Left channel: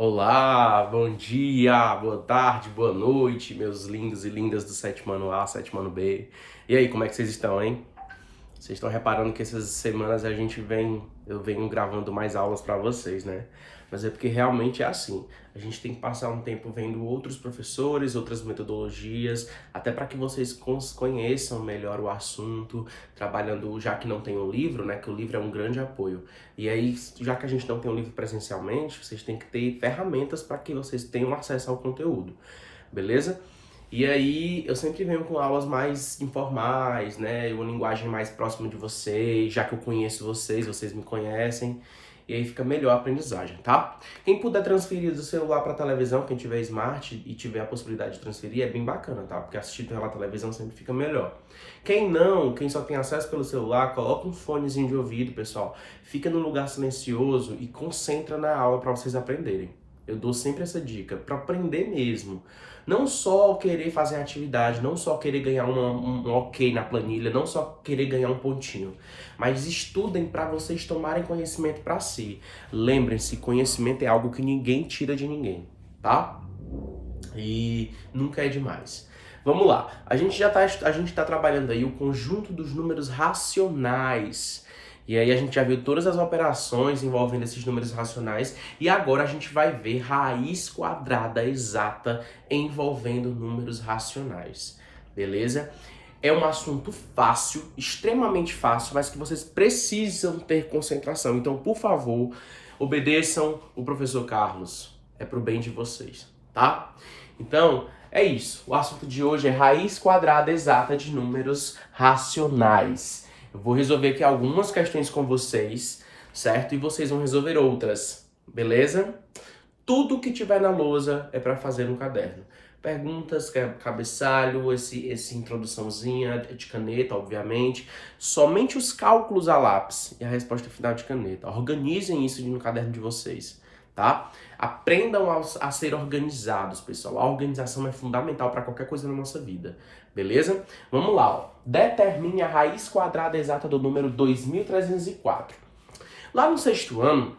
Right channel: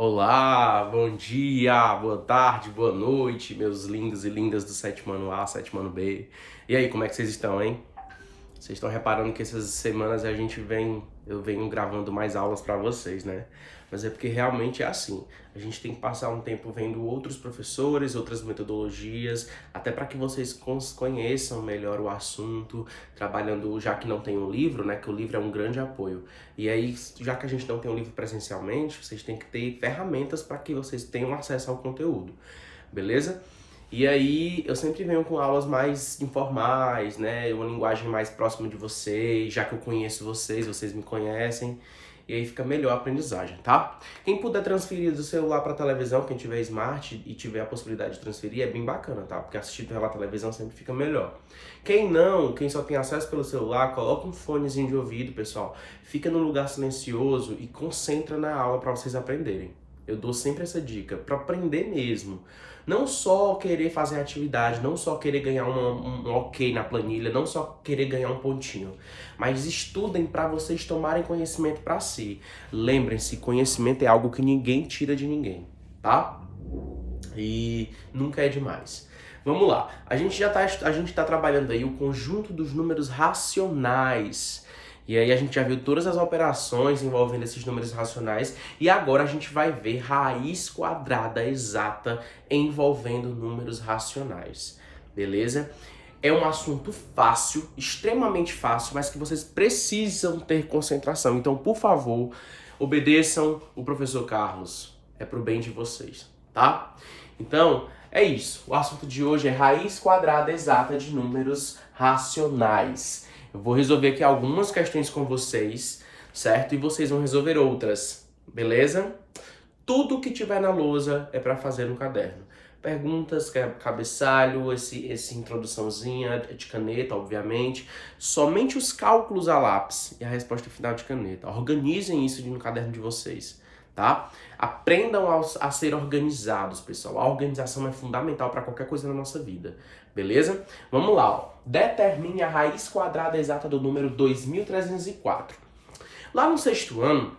Olá, bom dia, boa tarde, boa noite, meus lindos e lindas do sétimo ano A, sétimo ano B. E aí, como é que vocês estão, hein? Vocês estão reparando que essas semanas eu venho gravando mais aulas para vocês, né? Mas é porque realmente é assim. A gente tem que passar um tempo vendo outros professores, outras metodologias, até para que vocês conheçam melhor o assunto, trabalhando, já que não tem um livro, né? Que o livro é um grande apoio. E aí, já que a gente não tem um livro presencialmente, vocês têm que ter ferramentas para que vocês tenham acesso ao conteúdo, beleza? E aí eu sempre venho com aulas mais informais, né? Uma linguagem mais próxima de vocês, já que eu conheço vocês, vocês me conhecem. E aí fica melhor a aprendizagem, tá? Quem puder transferir do celular para televisão, quem tiver smart e tiver a possibilidade de transferir, é bem bacana, tá? Porque assistir pela televisão sempre fica melhor. Quem não, quem só tem acesso pelo celular, coloca um fonezinho de ouvido, pessoal. Fica num lugar silencioso e concentra na aula para vocês aprenderem. Eu dou sempre essa dica, para aprender mesmo. Não só querer fazer atividade, não só querer ganhar um ok na planilha, não só querer ganhar um pontinho, mas estudem para vocês tomarem conhecimento para si. Lembrem-se, conhecimento é algo que ninguém tira de ninguém, tá? E nunca é demais. Vamos lá. A gente tá trabalhando aí o conjunto dos números racionais. E aí a gente já viu todas as operações envolvendo esses números racionais e agora a gente vai ver raiz quadrada exata envolvendo números racionais. Beleza? É um assunto fácil, extremamente fácil, mas que vocês precisam ter concentração. Então, por favor, obedeçam o professor Carlos. É pro bem de vocês, tá? Então, é isso. O assunto de hoje é raiz quadrada exata de números racionais. Eu vou resolver aqui algumas questões com vocês, certo? E vocês vão resolver outras, beleza? Tudo que tiver na lousa é para fazer no caderno. Perguntas, cabeçalho, esse introduçãozinha de caneta, obviamente. Somente os cálculos a lápis e a resposta final de caneta. Organizem isso no caderno de vocês, tá? Aprendam a ser organizados, pessoal. A organização é fundamental para qualquer coisa na nossa vida, beleza? Vamos lá, ó. Determine a raiz quadrada exata do número 2304. Lá no sexto ano,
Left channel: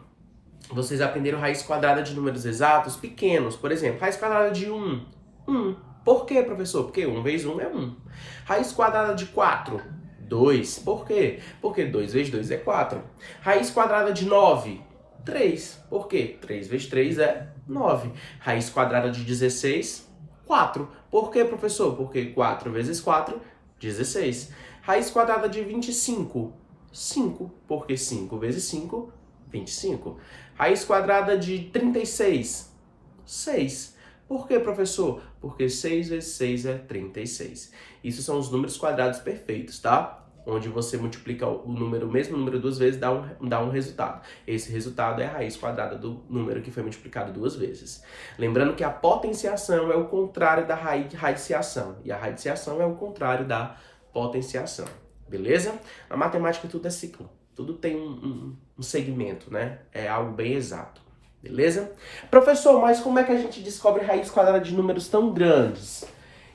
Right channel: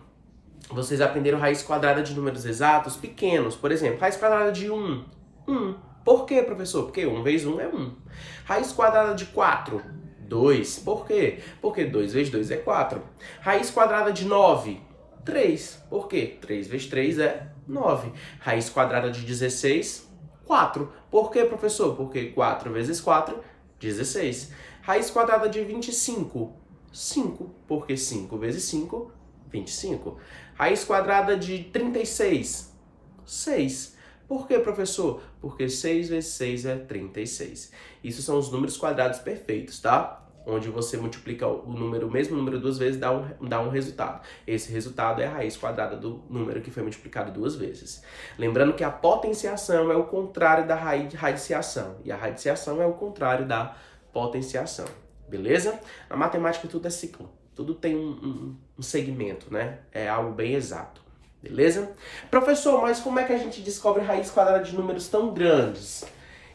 vocês aprenderam raiz quadrada de números exatos pequenos. Por exemplo, raiz quadrada de 1. 1. Por quê, professor? Porque 1 vezes 1 é 1. Raiz quadrada de 4. 2. Por quê? Porque 2 vezes 2 é 4. Raiz quadrada de 9. 3. Por quê? 3 vezes 3 é 9. Raiz quadrada de 16. 4. Por quê, professor? Porque 4 vezes 4, 16. Raiz quadrada de 25. 5. Porque 5 vezes 5, 25. Raiz quadrada de 36. 6. Por que, professor? Porque 6 vezes 6 é 36. Isso são os números quadrados perfeitos, tá? Onde você multiplica o mesmo número duas vezes, dá um resultado. Esse resultado é a raiz quadrada do número que foi multiplicado duas vezes. Lembrando que a potenciação é o contrário da radiciação. E a radiciação é o contrário da potenciação. Beleza? Na matemática tudo é ciclo. Tudo tem um segmento, né? É algo bem exato. Beleza? Professor, mas como é que a gente descobre raiz quadrada de números tão grandes?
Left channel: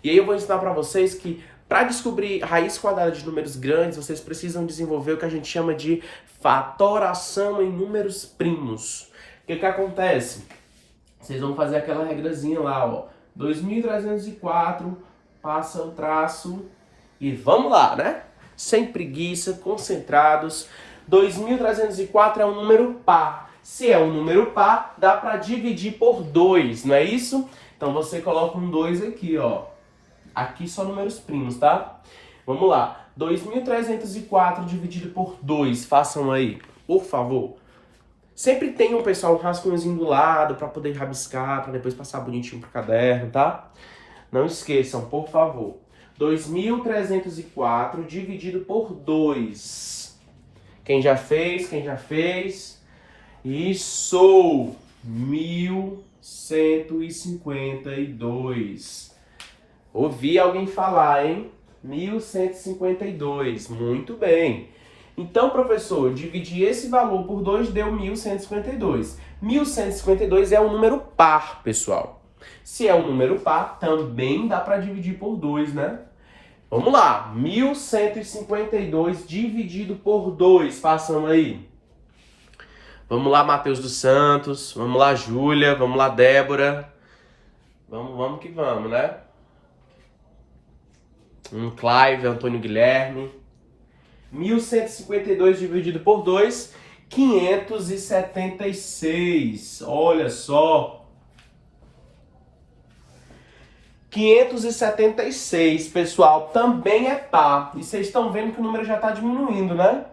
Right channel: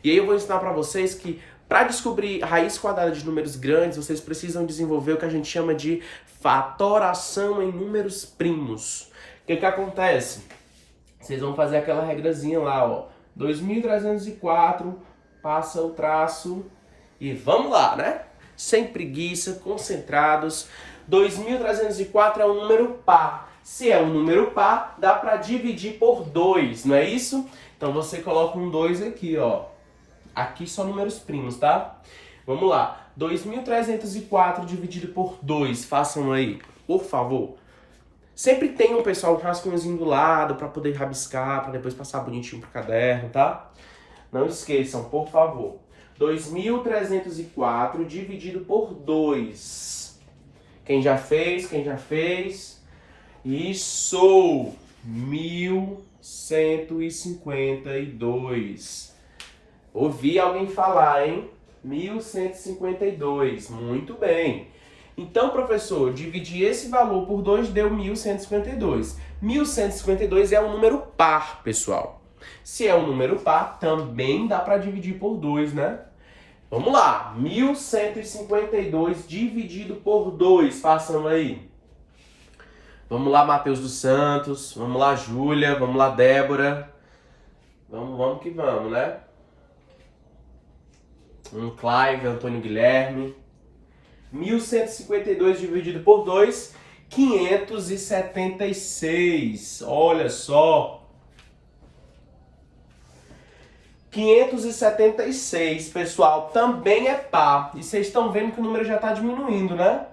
E aí eu vou ensinar para vocês que para descobrir raiz quadrada de números grandes, vocês precisam desenvolver o que a gente chama de fatoração em números primos. O que acontece? Vocês vão fazer aquela regrazinha lá, ó. 2304, passa o traço e vamos lá, né? Sem preguiça, concentrados. 2304 é um número par. Se é um número par, dá para dividir por 2, não é isso? Então você coloca um 2 aqui, ó. Aqui só números primos, tá? Vamos lá. 2304 dividido por 2. Façam aí, por favor. Sempre tem um pessoal, um rascunhozinho do lado para poder rabiscar, para depois passar bonitinho pro caderno, tá? Não esqueçam, por favor. 2304 dividido por 2. Quem já fez? Quem já fez? Isso! 1152. Ouvi alguém falar, hein? 1152. Muito bem. Então, professor, dividir esse valor por 2 deu 1152. 1152 é um número par, pessoal. Se é um número par, também dá para dividir por 2, né? Vamos lá. 1152 dividido por 2. Façam aí. Vamos lá, Matheus dos Santos. Vamos lá, Júlia. Vamos lá, Débora. Vamos que vamos, né? Clive, Antônio Guilherme. 1152 dividido por 2, 576. Olha só. 576, pessoal, também é par. E vocês estão vendo que o número já está diminuindo, né?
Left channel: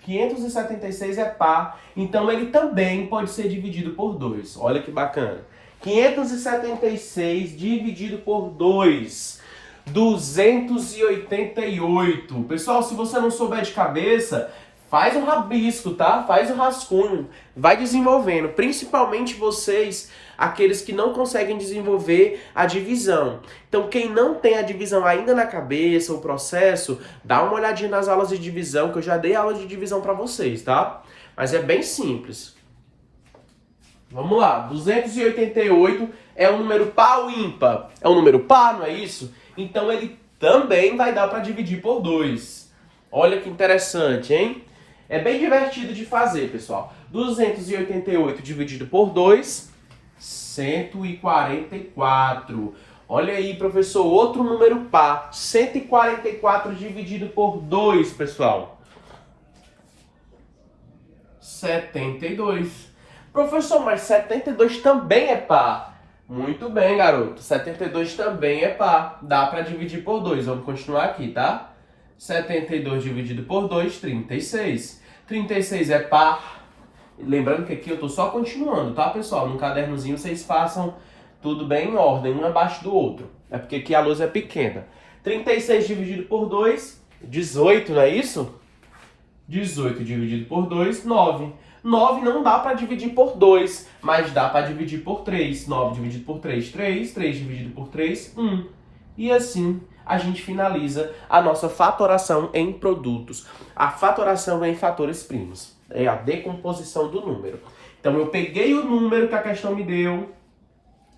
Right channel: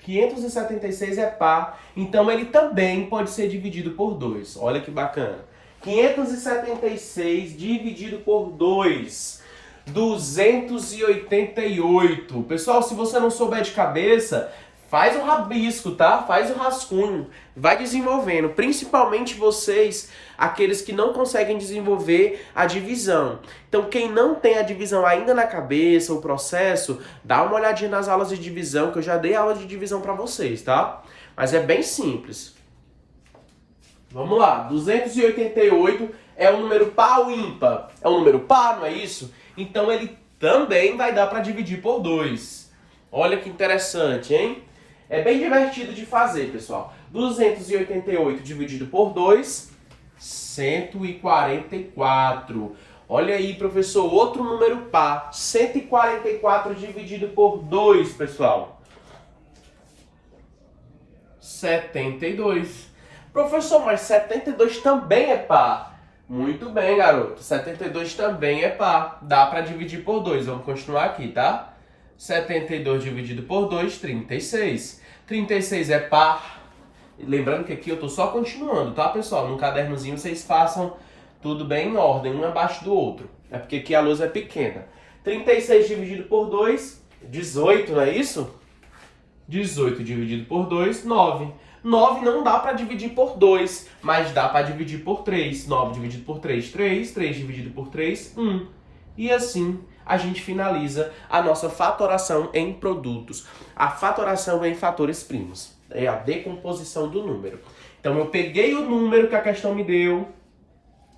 576 é par, então ele também pode ser dividido por 2. Olha que bacana. 576 dividido por 2, 288. Pessoal, se você não souber de cabeça, faz o rabisco, tá? Faz o rascunho. Vai desenvolvendo, principalmente vocês, aqueles que não conseguem desenvolver a divisão. Então, quem não tem a divisão ainda na cabeça, o processo, dá uma olhadinha nas aulas de divisão, que eu já dei aula de divisão para vocês, tá? Mas é bem simples. Vamos lá, 288 é um número par ou ímpar? É um número par, não é isso? Então, ele também vai dar para dividir por 2. Olha que interessante, hein? É bem divertido de fazer, pessoal. 288 dividido por 2, 144. Olha aí, professor, outro número par. 144 dividido por 2, pessoal. 72. Professor, mas 72 também é par. Muito bem, garoto. 72 também é par. Dá para dividir por 2. Vamos continuar aqui, tá? 72 dividido por 2, 36. 36 é par. Lembrando que aqui eu tô só continuando, tá, pessoal? No cadernozinho vocês façam tudo bem em ordem, um abaixo do outro. É porque aqui a lousa é pequena. 36 dividido por 2, 18, não é isso? 18 dividido por 2, 9. 9 não dá para dividir por 2, mas dá para dividir por 3. 9 dividido por 3, 3. 3 dividido por 3, 1. E assim a gente finaliza a nossa fatoração em produtos. A fatoração é em fatores primos. É a decomposição do número. Então eu peguei o número que a questão me deu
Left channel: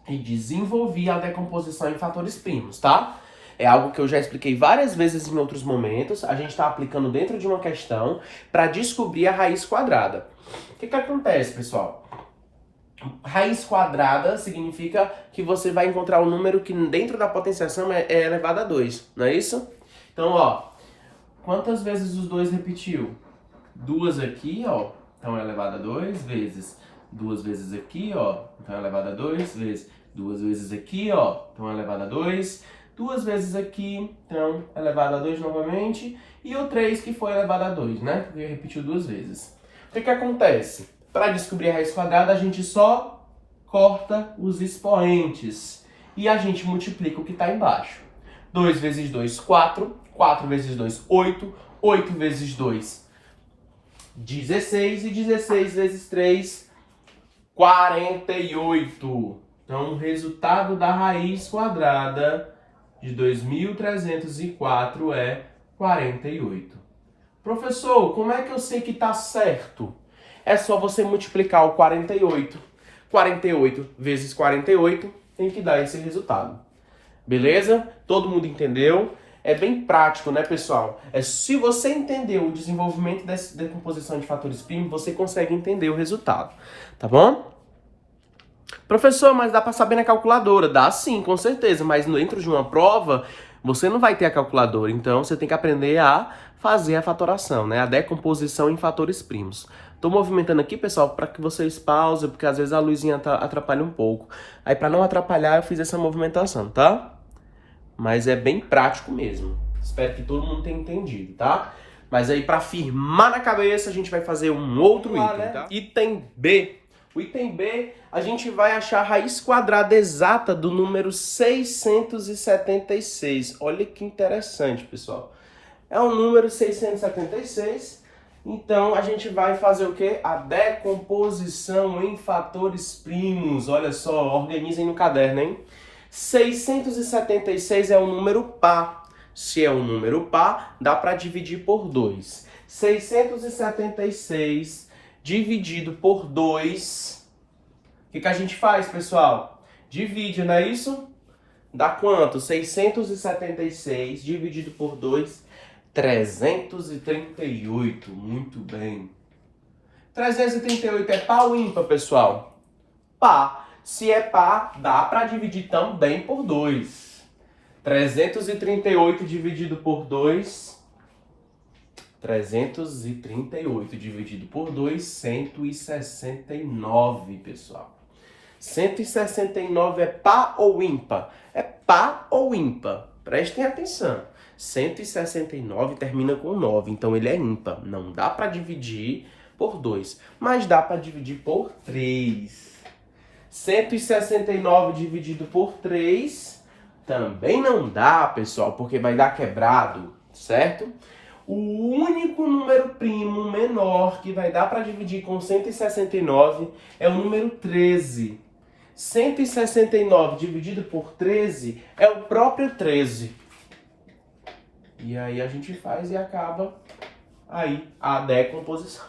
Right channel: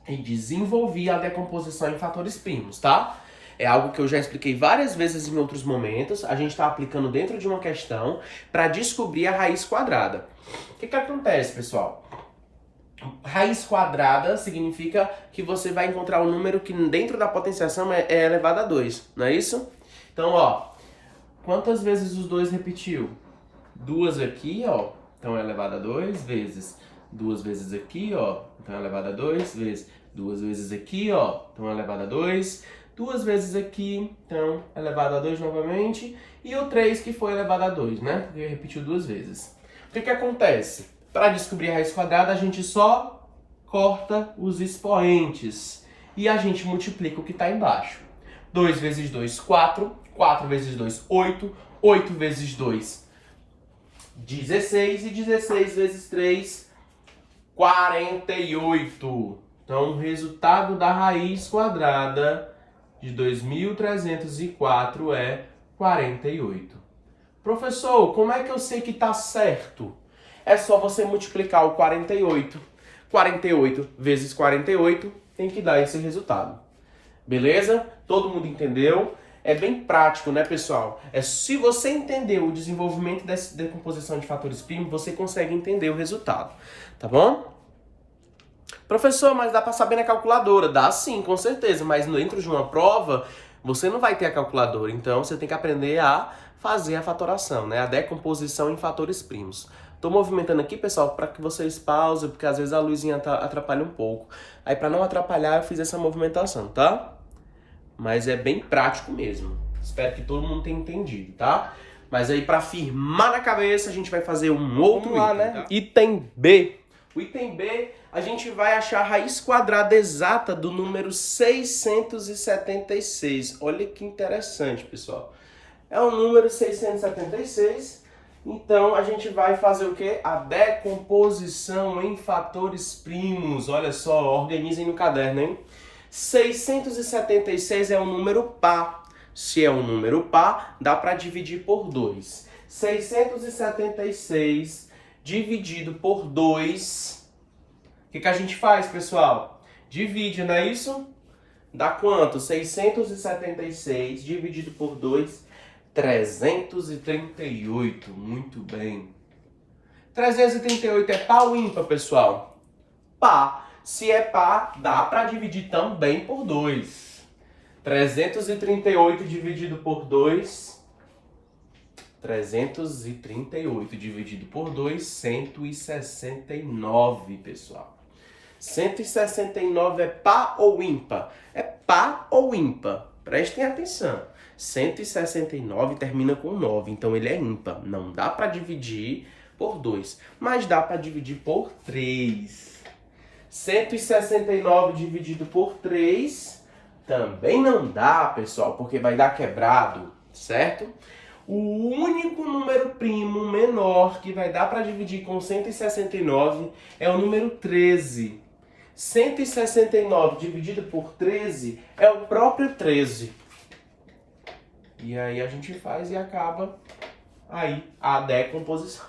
e desenvolvi a decomposição em fatores primos, tá? É algo que eu já expliquei várias vezes em outros momentos. A gente está aplicando dentro de uma questão para descobrir a raiz quadrada. O que acontece, pessoal? Raiz quadrada significa que você vai encontrar um número que dentro da potenciação é elevado a 2, não é isso? Então, ó, quantas vezes os 2 repetiu? 2 aqui, ó, então é elevado a 2 vezes. 2 vezes aqui, ó, então é elevado a 2 vezes. 2 vezes aqui, ó, então é elevado a 2. 2 vezes aqui, então é elevado a 2 novamente. E o 3 que foi elevado a 2, né? Porque repetiu 2 vezes. O que acontece? Para descobrir a raiz quadrada, a gente só corta os expoentes. E a gente multiplica o que está embaixo. 2 vezes 2, 4. 4 vezes 2, 8. 8 vezes 2, 16. E 16 vezes 3, 48. Então, o resultado da raiz quadrada de 2.304 é 48. Professor, como é que eu sei que está certo? É só você multiplicar o 48. 48 vezes 48 tem que dar esse resultado. Beleza? Todo mundo entendeu? É bem prático, né, pessoal? Se você entender o desenvolvimento dessa decomposição de fatores primos, você consegue entender o resultado. Tá bom? Professor, mas dá para saber na calculadora? Dá sim, com certeza. Mas dentro de uma prova, você não vai ter a calculadora. Então, você tem que aprender a fazer a fatoração, né? A decomposição em fatores primos. Tô movimentando aqui, pessoal, para que vocês pausem, porque às vezes a luzinha atrapalha um pouco. Aí, para não atrapalhar, eu fiz essa movimentação, tá? Mas é bem prático mesmo. Espero que todo mundo tenha entendido, tá? Mas aí, para firmar na cabeça, a gente vai fazer um outro item, né? Tá? Item B. O item B, a gente vai achar a raiz quadrada exata do número 676. Olha que interessante, pessoal. É o número 676. Então, a gente vai fazer o quê? A decomposição em fatores primos. Olha só, organizem no caderno, hein? 676 é um número par. Se é um número par, dá para dividir por 2. 676 dividido por 2. O que a gente faz, pessoal? Divide, não é isso? Dá quanto? 676 dividido por 2, 338. Muito bem. 338 é par ou ímpar, pessoal? Par. Se é par, dá para dividir também por 2. 338 dividido por 2... 338 dividido por 2, 169, pessoal. 169 é par ou ímpar? É par ou ímpar? Prestem atenção. 169 termina com 9, então ele é ímpar. Não dá para dividir por 2, mas dá para dividir por 3. 169 dividido por 3 também não dá, pessoal, porque vai dar quebrado, certo? O único número primo menor que vai dar para dividir com 169 é o número 13. 169 dividido por 13 é o próprio 13. E aí a gente faz e acaba aí a decomposição.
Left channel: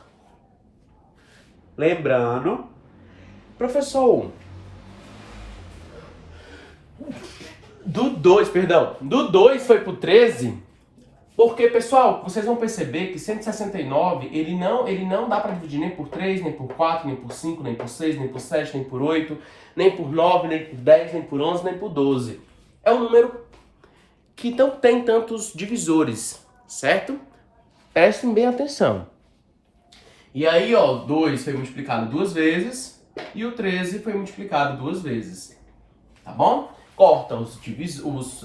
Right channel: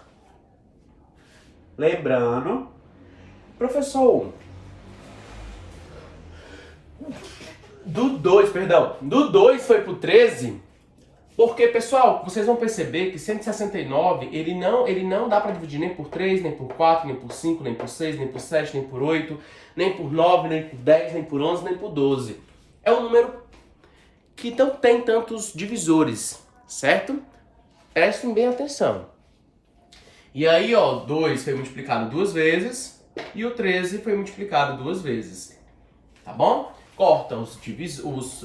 Lembrando, professor, do 2 foi pro 13, porque, pessoal, vocês vão perceber que 169, ele não dá para dividir nem por 3, nem por 4, nem por 5, nem por 6, nem por 7, nem por 8, nem por 9, nem por 10, nem por 11, nem por 12. É um número que não tem tantos divisores, certo? Prestem bem atenção. E aí, ó, 2 foi multiplicado 2 vezes e o 13 foi multiplicado 2 vezes. Tá bom? Corta os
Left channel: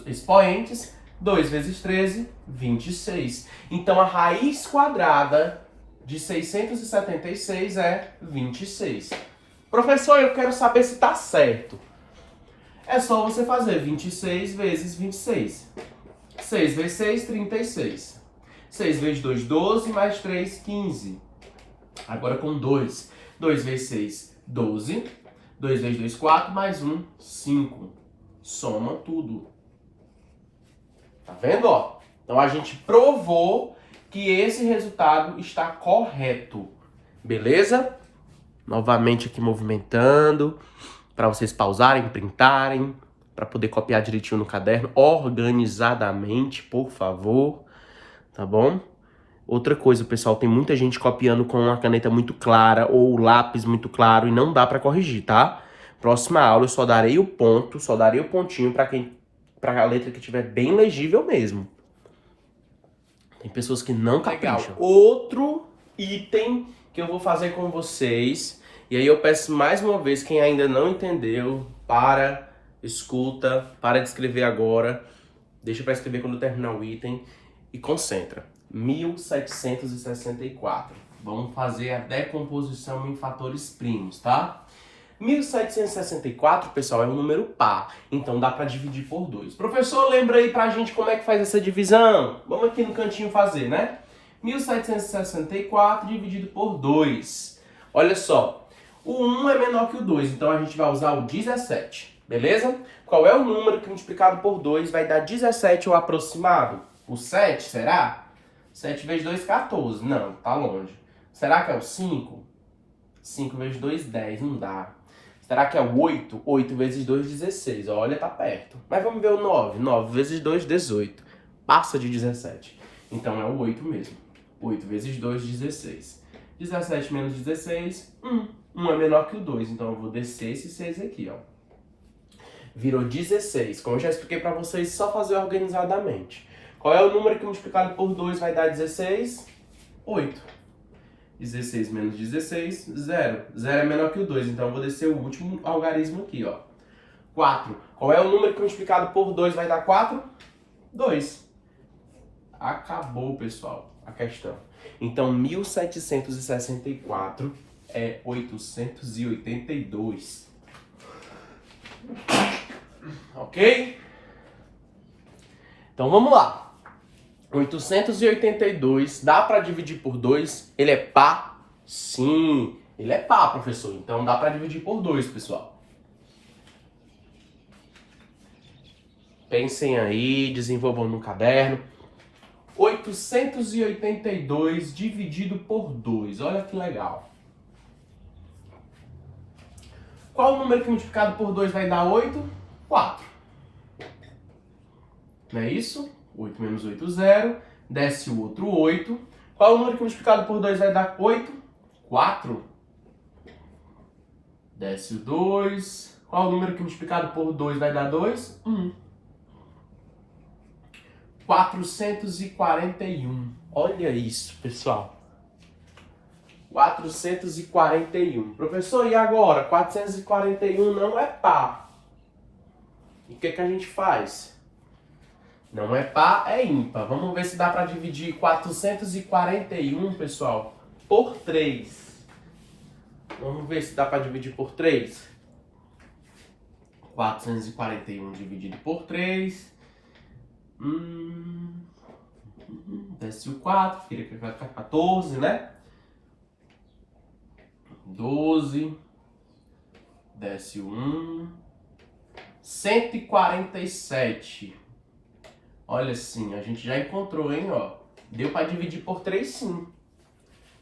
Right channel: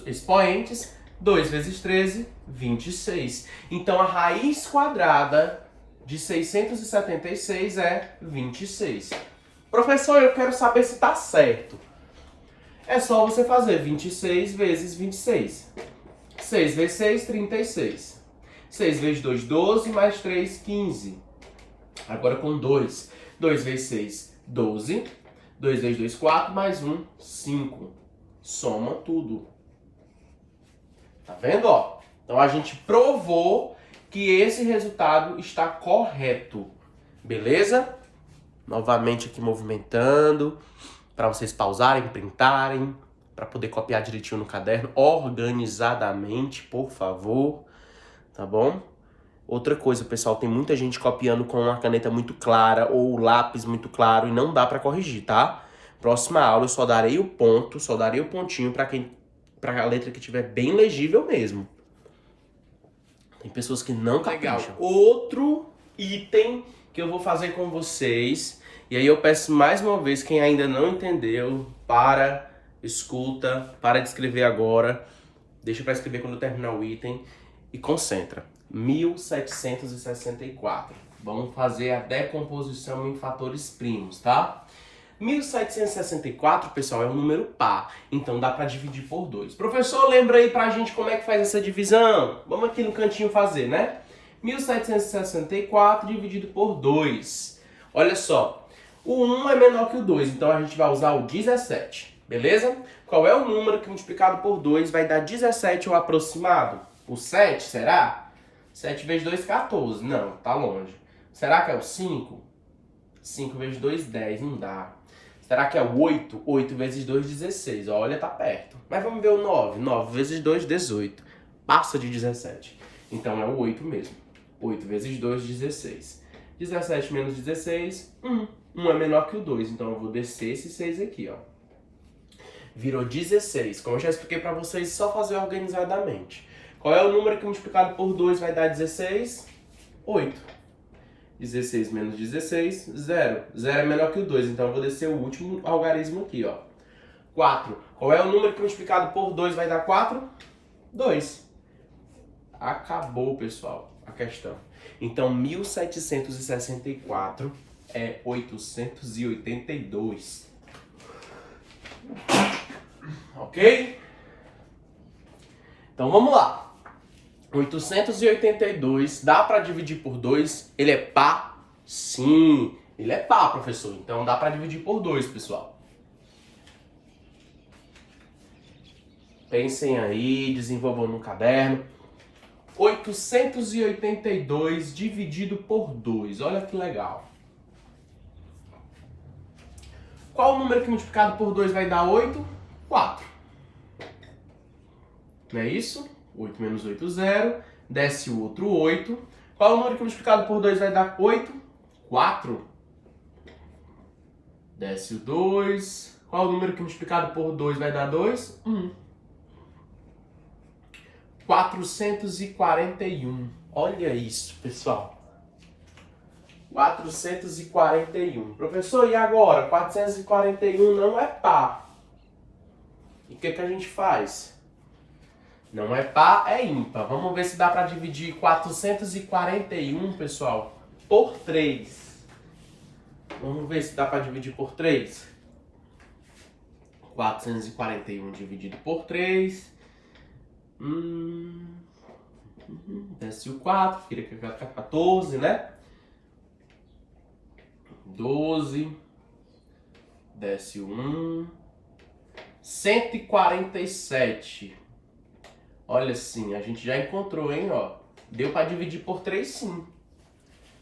expoentes. 2 vezes 13, 26. Então, a raiz quadrada de 676 é 26. Professor, eu quero saber se está certo. É só você fazer 26 vezes 26. 6 vezes 6, 36. 6 vezes 2, 12, mais 3, 15. Agora com 2. 2 vezes 6, 12. 2 vezes 2, 4, mais 1, 5. Soma tudo. Tá vendo, ó? Então a gente provou que esse resultado está correto. Beleza? Novamente aqui movimentando para vocês pausarem, printarem, para poder copiar direitinho no caderno, organizadamente, por favor. Tá bom? Outra coisa, pessoal, tem muita gente copiando com uma caneta muito clara ou lápis muito claro e não dá para corrigir, tá? Próxima aula eu só darei o ponto, só darei o pontinho para a letra que tiver bem legível mesmo. Tem pessoas que não capricham. Outro item que eu vou fazer com vocês, e aí eu peço mais uma vez, quem ainda não entendeu, escuta, para de escrever agora, deixa para escrever quando terminar o item e concentra. 1764. Vamos fazer a decomposição em fatores primos, tá? 1764, pessoal, é um número par, então dá para dividir por 2. Professor, lembra aí pra gente como é que faz essa divisão? Vamos aqui no cantinho fazer, né? 1764 dividido por 2. Olha só, o 1 é menor que o 2, então a gente vai usar o 17, beleza? Qual é o número que multiplicado por 2 vai dar 17 ou aproximado? O 7, será? 7 vezes 2, 14. Não, tá longe. Será que é o 5? 5 vezes 2, 10. Não dá. Será que é o 8? 8 vezes 2, 16. Olha, tá perto. Mas vamos ver o 9. 9 vezes 2, 18. Passa de 17. Então é o 8 mesmo. 8 vezes 2, 16. 17 menos 16, 1. 1 é menor que o 2. Então eu vou descer esse 6 aqui, ó. Virou 16. Como eu já expliquei pra vocês, só fazer organizadamente. Qual é o número que multiplicado por 2 vai dar 16? 8. 16 menos 16, 0. 0 é menor que o 2, então eu vou descer o último algarismo aqui, ó. 4. Qual é o número que multiplicado por 2 vai dar 4? 2. Acabou, pessoal, a questão. Então, 1764 é 882. Ok? Então, vamos lá. 882, dá para dividir por 2? Ele é par? Sim, ele é par, professor. Então dá para dividir por 2, pessoal. Pensem aí, desenvolvam no caderno. 882 dividido por 2, olha que legal. Qual o número que multiplicado por 2 vai dar 8? 4. Não é isso? 8 menos 8, 0. Desce o outro 8. Qual o número que multiplicado por 2 vai dar 8? 4. Desce o 2. Qual o número que multiplicado por 2 vai dar 2? 1. 441. Olha isso, pessoal. 441. Professor, e agora? 441 não é par. E o que a gente faz? Não é par, é ímpar. Vamos ver se dá para dividir 441, pessoal, por 3. Vamos ver se dá para dividir por 3. 441 dividido por 3. Desce o 4, fica 14, né? 12. Desce o 1. 147. Olha assim, a gente já encontrou, hein, ó. Deu para dividir por 3, sim.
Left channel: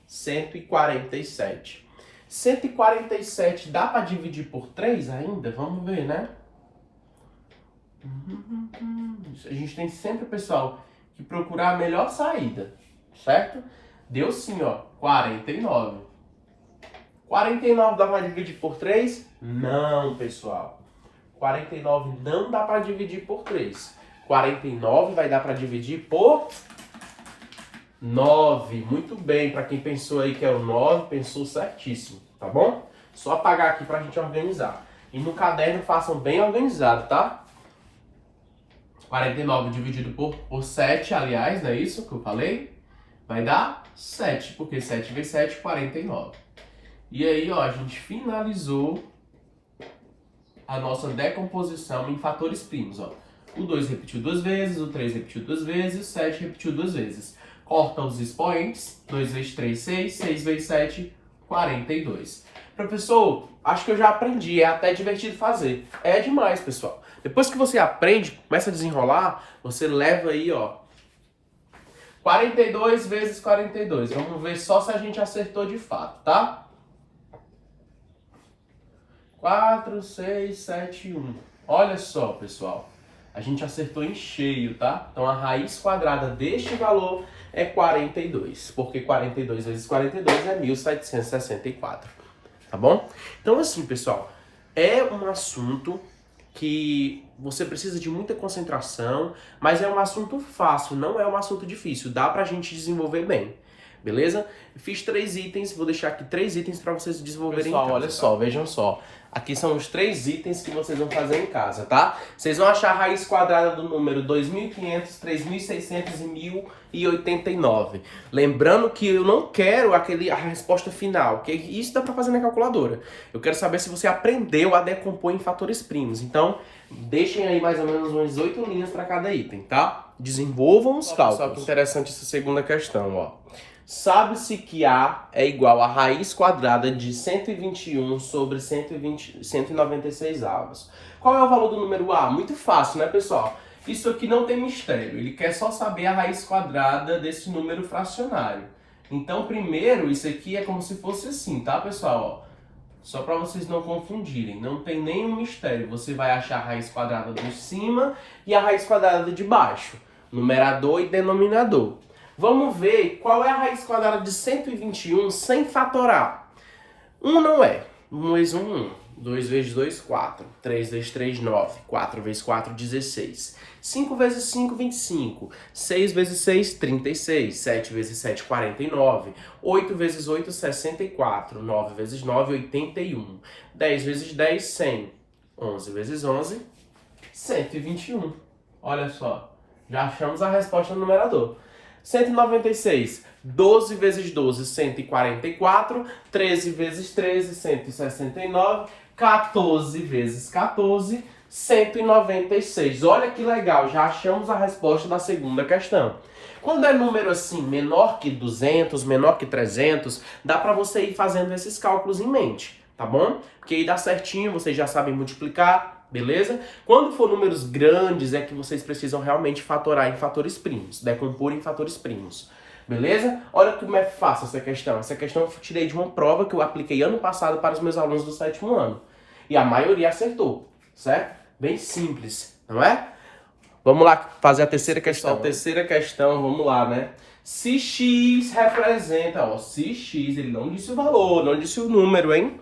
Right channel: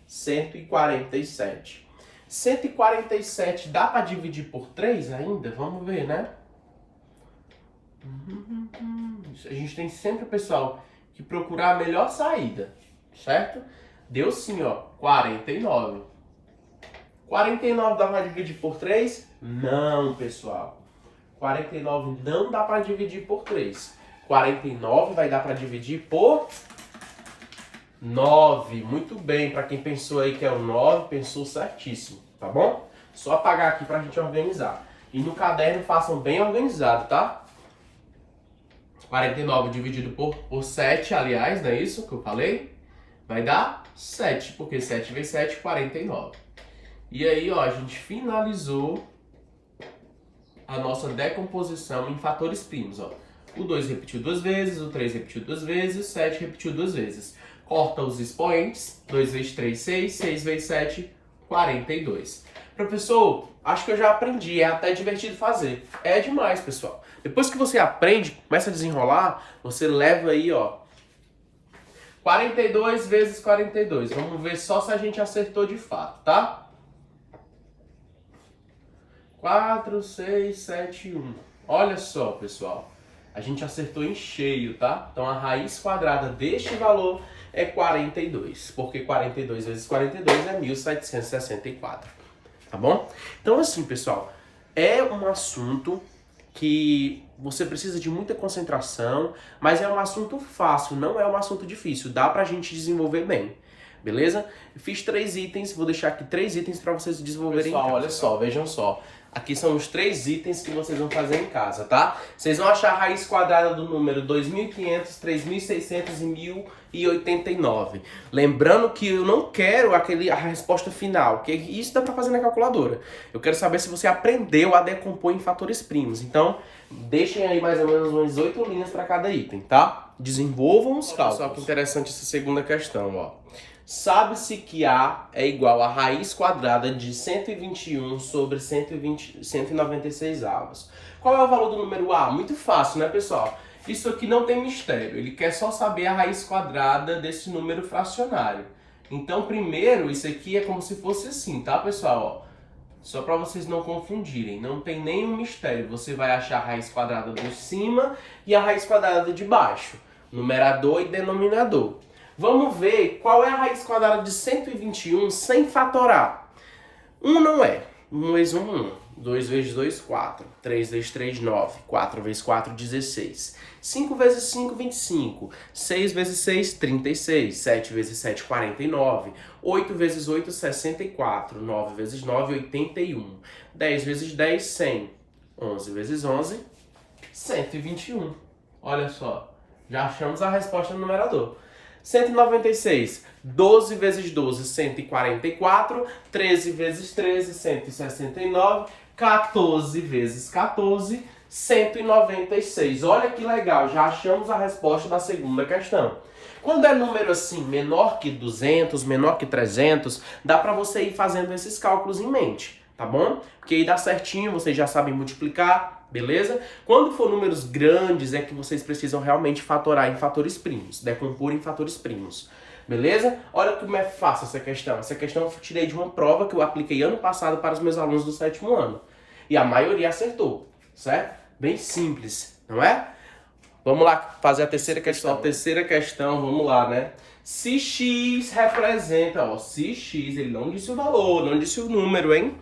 147. 147 dá para dividir por 3 ainda? Vamos ver, né? A gente tem sempre, pessoal, que procurar a melhor saída, certo? Deu sim, ó, 49. 49 dá para dividir por 3? Não, pessoal. 49 não dá para dividir por 3. 49 vai dar para dividir por 9. Muito bem, para quem pensou aí que é o 9, pensou certíssimo, tá bom? Só apagar aqui para a gente organizar. E no caderno façam bem organizado, tá? 49 dividido por 7, aliás, não é isso que eu falei? Vai dar 7, porque 7 vezes 7, 49. E aí, ó, a gente finalizou a nossa decomposição em fatores primos, ó. O 2 repetiu 2 vezes, o 3 repetiu 2 vezes, o 7 repetiu 2 vezes. Corta os expoentes, 2 vezes 3, 6, 6 vezes 7, 42. Professor, acho que eu já aprendi, é até divertido fazer. É demais, pessoal. Depois que você aprende, começa a desenrolar, você leva aí, ó, 42 vezes 42. Vamos ver só se a gente acertou de fato, tá? 4, 6, 7, 1. Olha só, pessoal. A gente acertou em cheio, tá? Então a raiz quadrada deste valor é 42. Porque 42 vezes 42 é 1764. Tá bom? Então assim, pessoal, é um assunto que você precisa de muita concentração, mas é um assunto fácil, não é um assunto difícil. Dá pra gente desenvolver bem. Beleza? Fiz 3 itens, vou deixar aqui 3 itens para vocês desenvolverem em casa. Olha só, vejam só. Aqui são os 3 itens que vocês vão fazer em casa, tá? Vocês vão achar a raiz quadrada do número 2.500, 3.600 e 1.089. Lembrando que eu não quero a resposta final, que isso dá para fazer na calculadora. Eu quero saber se você aprendeu a decompor em fatores primos. Então, deixem aí mais ou menos umas 8 linhas para cada item, tá? Desenvolvam os cálculos. Só que interessante essa segunda questão, ó. Sabe-se que A é igual a raiz quadrada de 121 sobre 196 avos. Qual é o valor do número A? Muito fácil, né, pessoal? Isso aqui não tem mistério. Ele quer só saber a raiz quadrada desse número fracionário. Então, primeiro, isso aqui é como se fosse assim, tá, pessoal? Ó, só para vocês não confundirem. Não tem nenhum mistério. Você vai achar a raiz quadrada de cima e a raiz quadrada de baixo. Numerador e denominador. Vamos ver qual é a raiz quadrada de 121 sem fatorar. 1 não é. 1 vezes 1, 1. 2 vezes 2, 4. 3 vezes 3, 9. 4 vezes 4, 16. 5 vezes 5, 25. 6 vezes 6, 36. 7 vezes 7, 49. 8 vezes 8, 64. 9 vezes 9, 81. 10 vezes 10, 100. 11 vezes 11, 121. Olha só. Já achamos a resposta no numerador. 196, 12 vezes 12, 144, 13 vezes 13, 169, 14 vezes 14, 196. Olha que legal, já achamos a resposta da segunda questão. Quando é número assim, menor que 200, menor que 300, dá para você ir fazendo esses cálculos em mente, tá bom? Porque aí dá certinho, vocês já sabem multiplicar. Beleza? Quando for números grandes, é que vocês precisam realmente fatorar em fatores primos, decompor em fatores primos. Beleza? Olha como é fácil essa questão. Essa questão eu tirei de uma prova que eu apliquei ano passado para os meus alunos do 7º ano. E a maioria acertou, certo? Bem simples, não é? Vamos lá fazer a terceira questão. Terceira questão, vamos lá, né? Se x representa, ó, se x, ele não disse o valor, não disse o número, hein?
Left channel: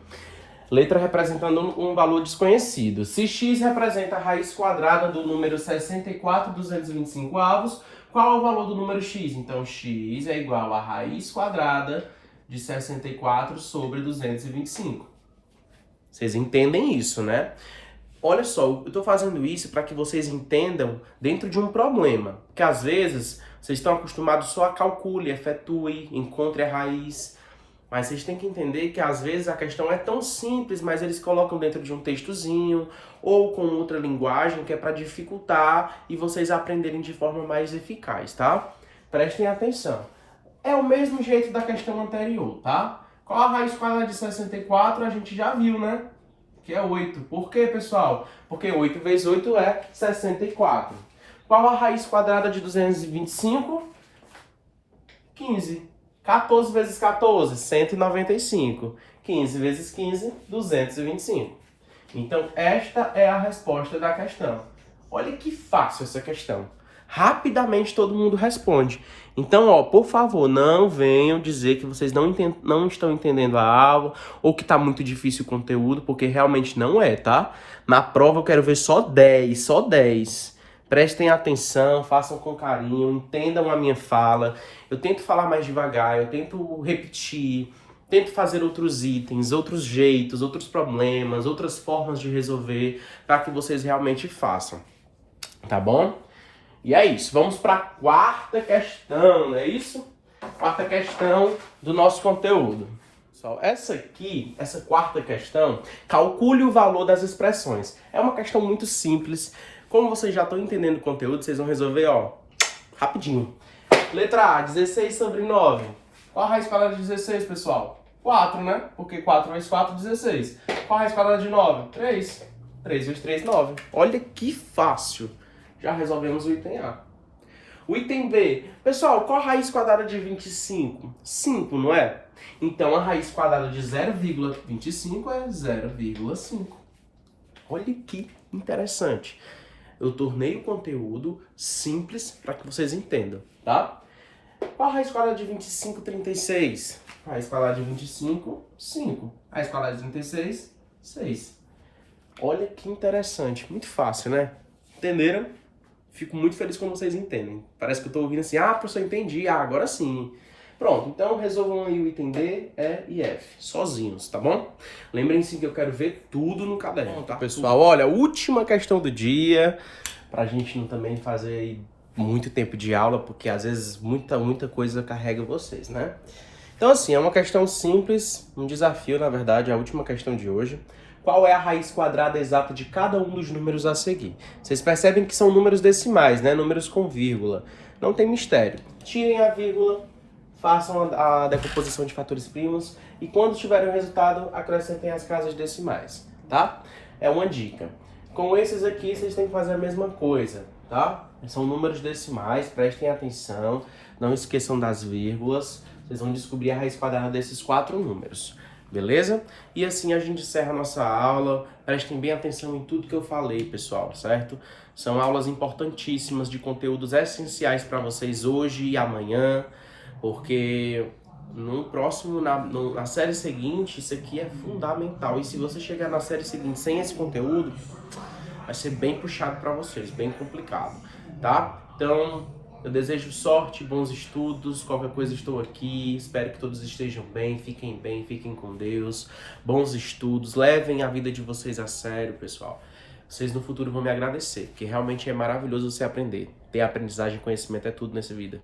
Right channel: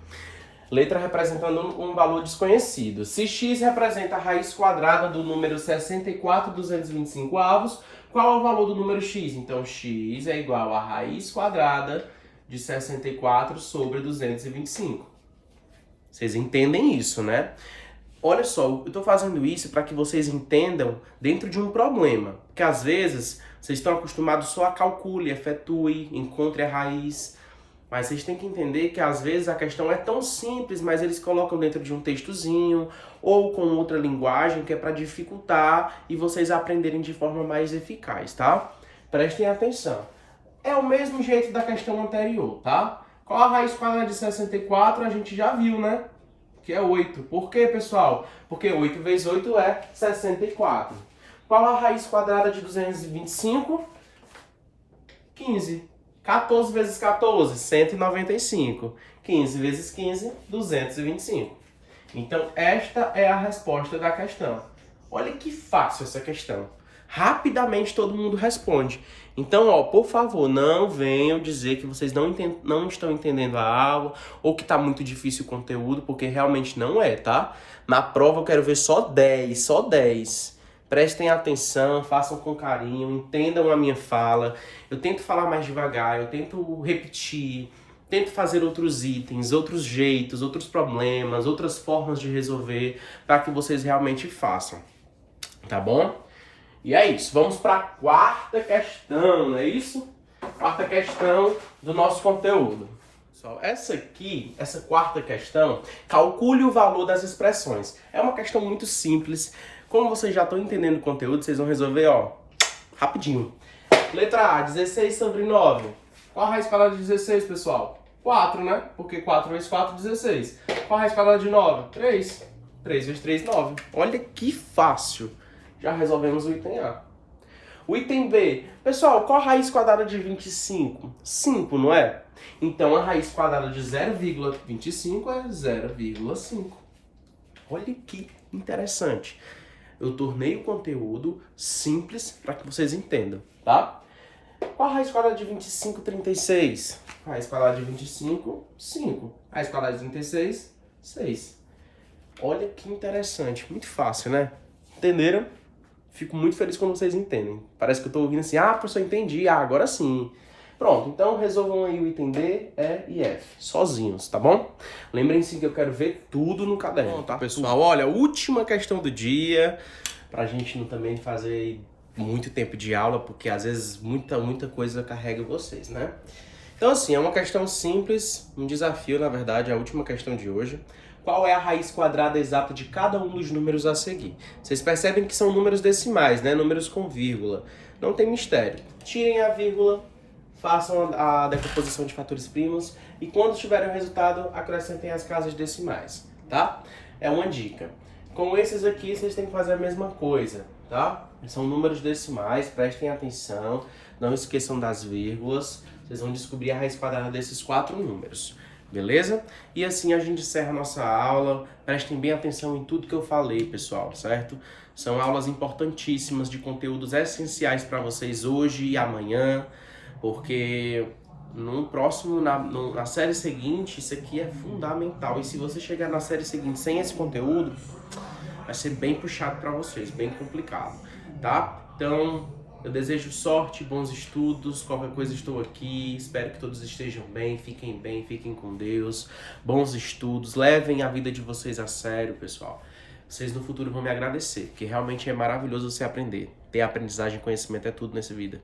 Letra representando um valor desconhecido. Se x representa a raiz quadrada do número 64,225 avos, qual é o valor do número x? Então, x é igual a raiz quadrada de 64 sobre 225. Vocês entendem isso, né? Olha só, eu estou fazendo isso para que vocês entendam dentro de um problema. Porque às vezes vocês estão acostumados só a calcule, efetue, encontre a raiz. Mas vocês têm que entender que às vezes a questão é tão simples, mas eles colocam dentro de um textozinho ou com outra linguagem que é para dificultar e vocês aprenderem de forma mais eficaz, tá? Prestem atenção. É o mesmo jeito da questão anterior, tá? Qual a raiz quadrada de 64? A gente já viu, né? Que é 8. Por quê, pessoal? Porque 8 vezes 8 é 64. Qual a raiz quadrada de 225? 15. 14 vezes 14, 195. 15 vezes 15, 225. Então, esta é a resposta da questão. Olha que fácil essa questão. Rapidamente todo mundo responde. Então, ó, por favor, não venham dizer que vocês não estão entendendo a aula ou que tá muito difícil o conteúdo, porque realmente não é, tá? Na prova eu quero ver só 10, só 10. Prestem atenção, façam com carinho, entendam a minha fala. Eu tento falar mais devagar, eu tento repetir, tento fazer outros itens, outros jeitos, outros problemas, outras formas de resolver para que vocês realmente façam. Tá bom? E é isso, vamos para a quarta questão, não é isso? Quarta questão do nosso conteúdo. Pessoal, essa quarta questão, calcule o valor das expressões. É uma questão muito simples. Como vocês já estão entendendo o conteúdo, vocês vão resolver, ó, rapidinho. Letra A, 16 sobre 9. Qual a raiz quadrada de 16, pessoal? 4, né? Porque 4 vezes 4, 16. Qual a raiz quadrada de 9? 3. 3 vezes 3, 9. Olha que fácil. Já resolvemos o item A. O item B. Pessoal, qual a raiz quadrada de 25? 5, não é? Então, a raiz quadrada de 0,25 é 0,5. Olha que interessante. Eu tornei o conteúdo simples para que vocês entendam, tá? Qual a raiz quadrada de 25, 36? A raiz quadrada de 25, 5. A raiz quadrada de 36, 6. Olha que interessante. Muito fácil, né? Entenderam? Fico muito feliz quando vocês entendem. Parece que eu tô ouvindo assim, professor, entendi. Agora sim. Pronto, então resolvam aí o item D, E e F, sozinhos, tá bom? Lembrem-se que eu quero ver tudo no caderno, tá? Pessoal, olha, última questão do dia, pra gente não também fazer aí muito tempo de aula, porque às vezes muita coisa carrega vocês, né? Então assim, é uma questão simples, um desafio, na verdade, é a última questão de hoje. Qual é a raiz quadrada exata de cada um dos números a seguir? Vocês percebem que são números decimais, né? Números com vírgula. Não tem mistério. Tirem a vírgula, façam a decomposição de fatores primos e quando tiverem o resultado, acrescentem as casas decimais, tá? É uma dica. Com esses aqui, vocês têm que fazer a mesma coisa, tá? São números decimais, prestem atenção, não esqueçam das vírgulas. Vocês vão descobrir a raiz quadrada desses 4 números. Beleza? E assim a gente encerra a nossa aula. Prestem bem atenção em tudo que eu falei, pessoal, certo? São aulas importantíssimas de conteúdos essenciais para vocês hoje e amanhã, porque na série seguinte, isso aqui é fundamental. E se você chegar na série seguinte sem esse conteúdo, vai ser bem puxado para vocês, bem complicado, tá? Então, eu desejo sorte, bons estudos, qualquer coisa estou aqui, espero que todos estejam bem, fiquem com Deus, bons estudos, levem a vida de vocês a sério, pessoal. Vocês no futuro vão me agradecer, porque realmente é maravilhoso você aprender. Ter aprendizagem e conhecimento é tudo nessa vida.